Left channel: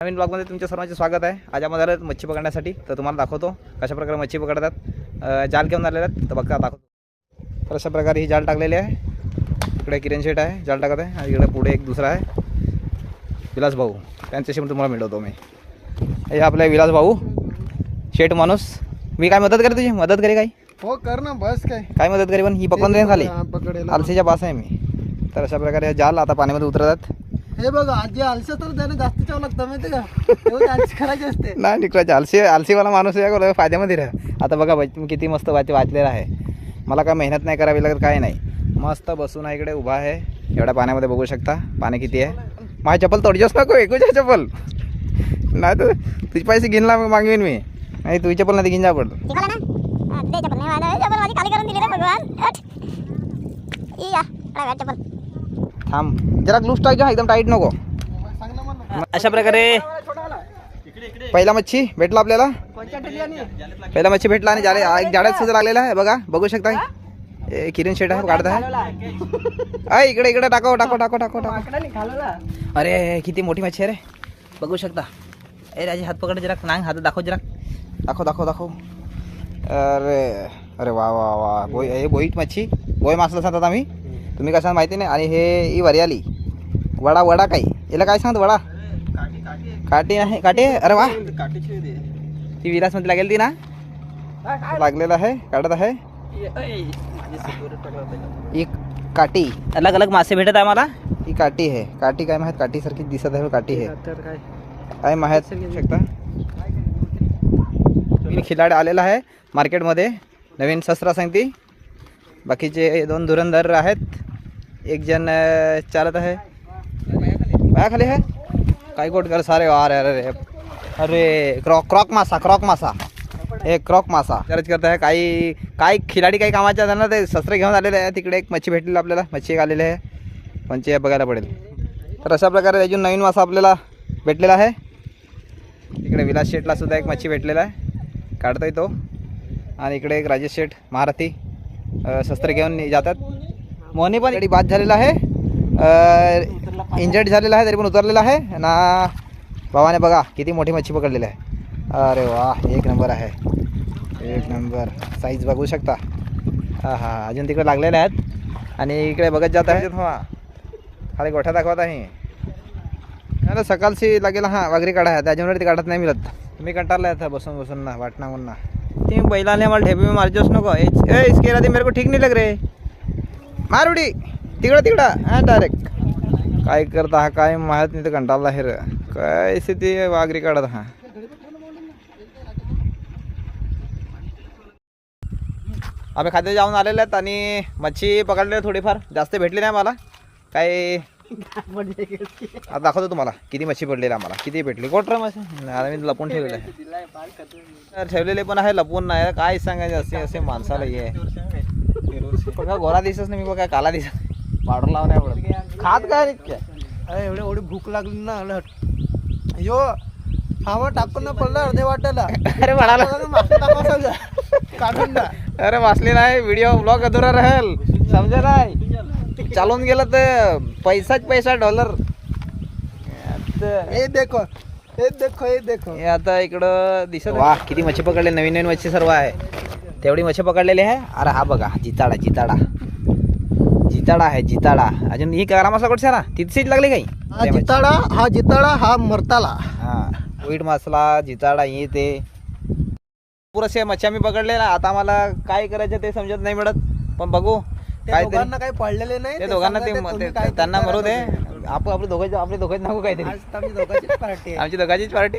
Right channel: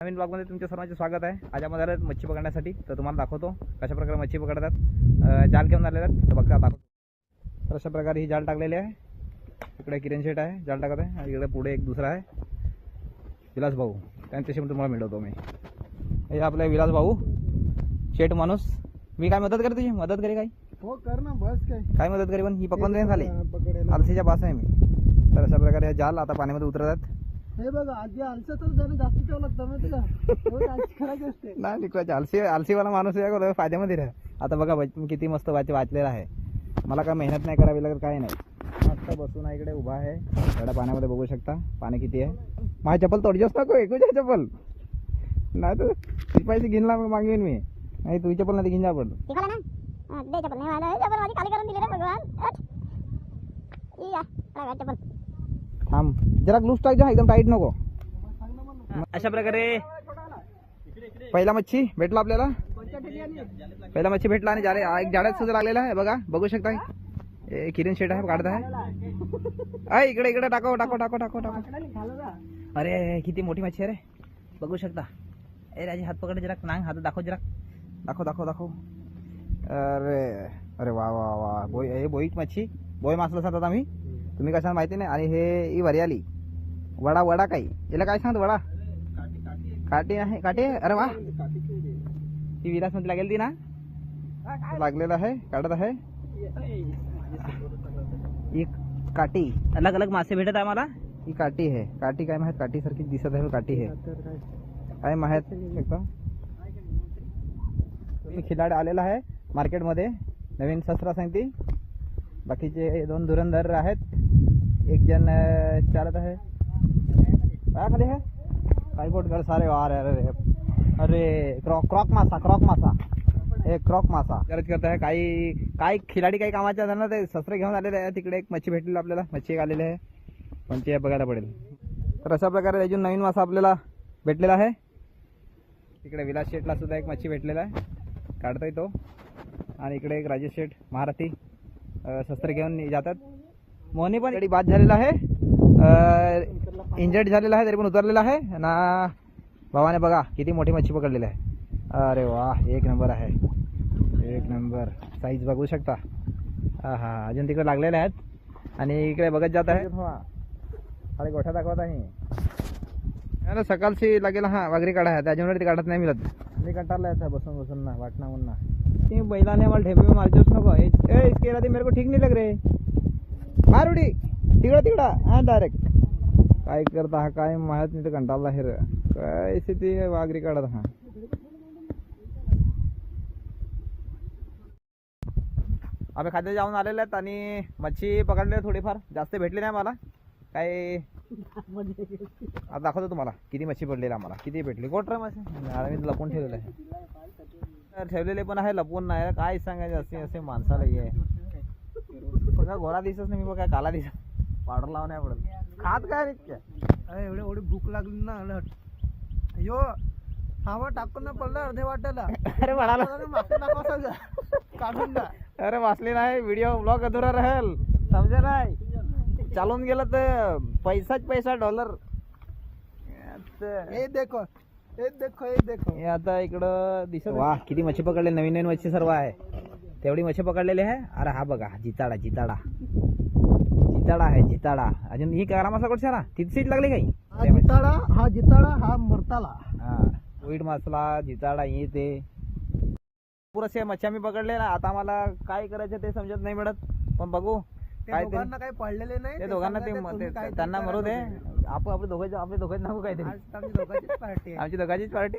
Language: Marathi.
नवीन ब्लॉगमध्ये तुमच्या सर्वांचे स्वागत आहे. आज आपण आलो मच्छी पकडण्यासाठी. तर तुम्हाला दाखवतो कशा प्रकारे मच्छी पकडतात. जाल घेऊन आलेले आहेत तर बघा दाखवतो. तर अशा प्रकारे ही जाल टाकलेली आहे. इकडे किरण शेट आहे जाल टाकत आहे आणि इकडे पुढे एक दुसरा आहे विलास भाऊ. त्यांच्याशी पण तुम्हाला मिळवतो मी. हे आपले विलास भाऊ शेट माणूस. मी काय मदत करे तुझी मदत करे काय हो कर ना बस काय मदत करे पण ही पकडून देईन खाली आलसीच्या पास आहे मी. तर अशा प्रकारे जाल आता पाण्यामध्ये उतरतात. हे बघा आजी आलसे तर त्याने जास्त चाव लागतं माहिती का एवढी आलसी करायची असते. नाही निकरायचे आलसीवाला माणूस या फायद्यामध्ये राहा. आता बघा किती मस्त वाचलेला आहे. मला काय मेहनत नाही करावी लागत काय नाही. मस्त बसून इकडे उभा आहे एवढ्या पाण्यामध्ये बघू शकता. पाणी किती आहे. माझी चप्पल तोडजोस नको एकूच चप्पल नाही तर तुझे पैसे घेणला मागवीन मी. नाही तुझी चप्पल नाही घेऊन जा पडतो. थांब जरा लूज टाक जा एकदम टाईट नको. अशा प्रकारे पहिला मच्छी भेटला आपल्याला. पहिला मच्छी भेटला आणि जाळ्यात सुद्धा लागलेला आहे बघा बघू शकता. किरण शेट आहे काढत आहे. इकडे इकडे टाको टाको टाको टाको टाको. अरे किती मोठी मच्छी आहे रे बघू शकता. राजे हात पकड जरा नांग हात दाखव जरा दाखव दाखव दाखव. अरे अरे वा वा वा बोई हे बोईट मच्छी बोई मासला सांगतात आम्ही. तुम्ही कसं माहिती नाही. आणि हे वरियाली वडा वडा काही याला काय सांगत वडा काटे आहे काटे. अरे वा ती विलासमध्ये लागेल ती ना लागलेला आहे काढत आहे. एक काठी अलग अलग मासे भेटत आहे मला. ही काठी आहे काठी काय माहीत काठी सारखी दिसत आहे. काठी आहे काय माहीत शकता. खिलाडी आलेला आहे मार्केटमध्ये नवीन शस्त्र सांगती. बाकीचे दोन धुरंधर आहेत. एक जण चालत आहे पाया खाली आहे काय कोट कर सारे. अरे अरे अरे क्रॉक मासा एक क्रॉक मासा खरंच करत आहे. काही खिलाडी काही कामाच्या त्यांना ते शस्त्र घेऊन आलेले आहे. तिकडे एक मच्छी भेटलेली आपल्याला मच्छी एक आलेली आहे म्हणजे बघायला पडेल. तर अशा प्रकारे अजून नवीन मासा आपल्याला भेटलेला आहे. इकडे विलास शेठला सुद्धा एक मच्छी भेटलेला आहे काढतोय तो. आणि इकडे एक राजेश शेठ महारथी शस्त्र घेऊन जातात. मोहनी पण इकडे बाद झालेला आहे इंजर्ड झालेला आहे तरी पण उतरलेला आहे ना. भावाने बघा किती मोठी मच्छी पकडलेली आहे. अरे वा एक नंबर आहे एक नंबर साईज बघू शकता. हां हां अजून तिकडे लागलेले आहेत आणि इकडे बघत जात आहे. खाली गोठ्या दाखवत आहे. अरे सकाळची लागेल हां वाघरी काढा आहे त्याच्यामुळे ते काढत नाही मिळत. मी कंटाळला आहे बसून बसून ना वाटना म्हणून ना. ती बैलाने मला ढेपी में मारजोस नको. इसके राधी मेरे को ठीक नहीं लग रे मार उडी तिकडं हां डायरेक्ट काय करता हा काय माहीत नाही. तर कंटाळला आहे काय ती वाघरी काढत हा. आम्ही खाद्य जाऊन आलेले आहेत आणि मच्छी पकडले थोडीफार जास्त भेटली नाही मला काही. आता दाखवतो तुम्हाला किती मच्छी पडलेली आम्हाला किती भेटली. कोटरा मच्छी आता मी लपून ठेवलेलं आहे. ठेवलेले पण आहे लपून नाही काय सांगायचे. असे असे माणसाला ये बघा गोरा दिसत नाही मी बघा काला दिसत पावडर लावून नाही पडत. खात काय इतक्या एवढी भूक लागली ना यो खावा टाकून ना पडलं अर्धे वाटायला. अरे म्हणाला काढून अरे वाचले नाही व्हिडिओ ब्लॉग अधुरा राहील समजा नाही. चालून गेलं तर पैसाच पैसा डॉलर. हे देखो हे देखो हे देखो. हे आता इकडं दिसत वा किती मच्छी पकडले. नवीन नवीन मच्छी सर्व आहे तेवढी मच्छी पकडलेली आहे. अरे हा बघा जिताडा जिताडा जिताडा आहे जिताडा. अजून ही कारा मासा कुठे सारा तिथेच लागली काही. हा जिताडा हा मरताला हा वीट मासला जिताडा हे ते पुरेसे मच्छी आम्ही पकडलेला. आता मला काय करायचं ते समजत नाही मिळत पण बघू काय काही पडलेले नाही. ते दोघांना ते त्यांना मरू दे. आपले दोघांचे नको काहीतरी आमची दोघांचीच पार्टी.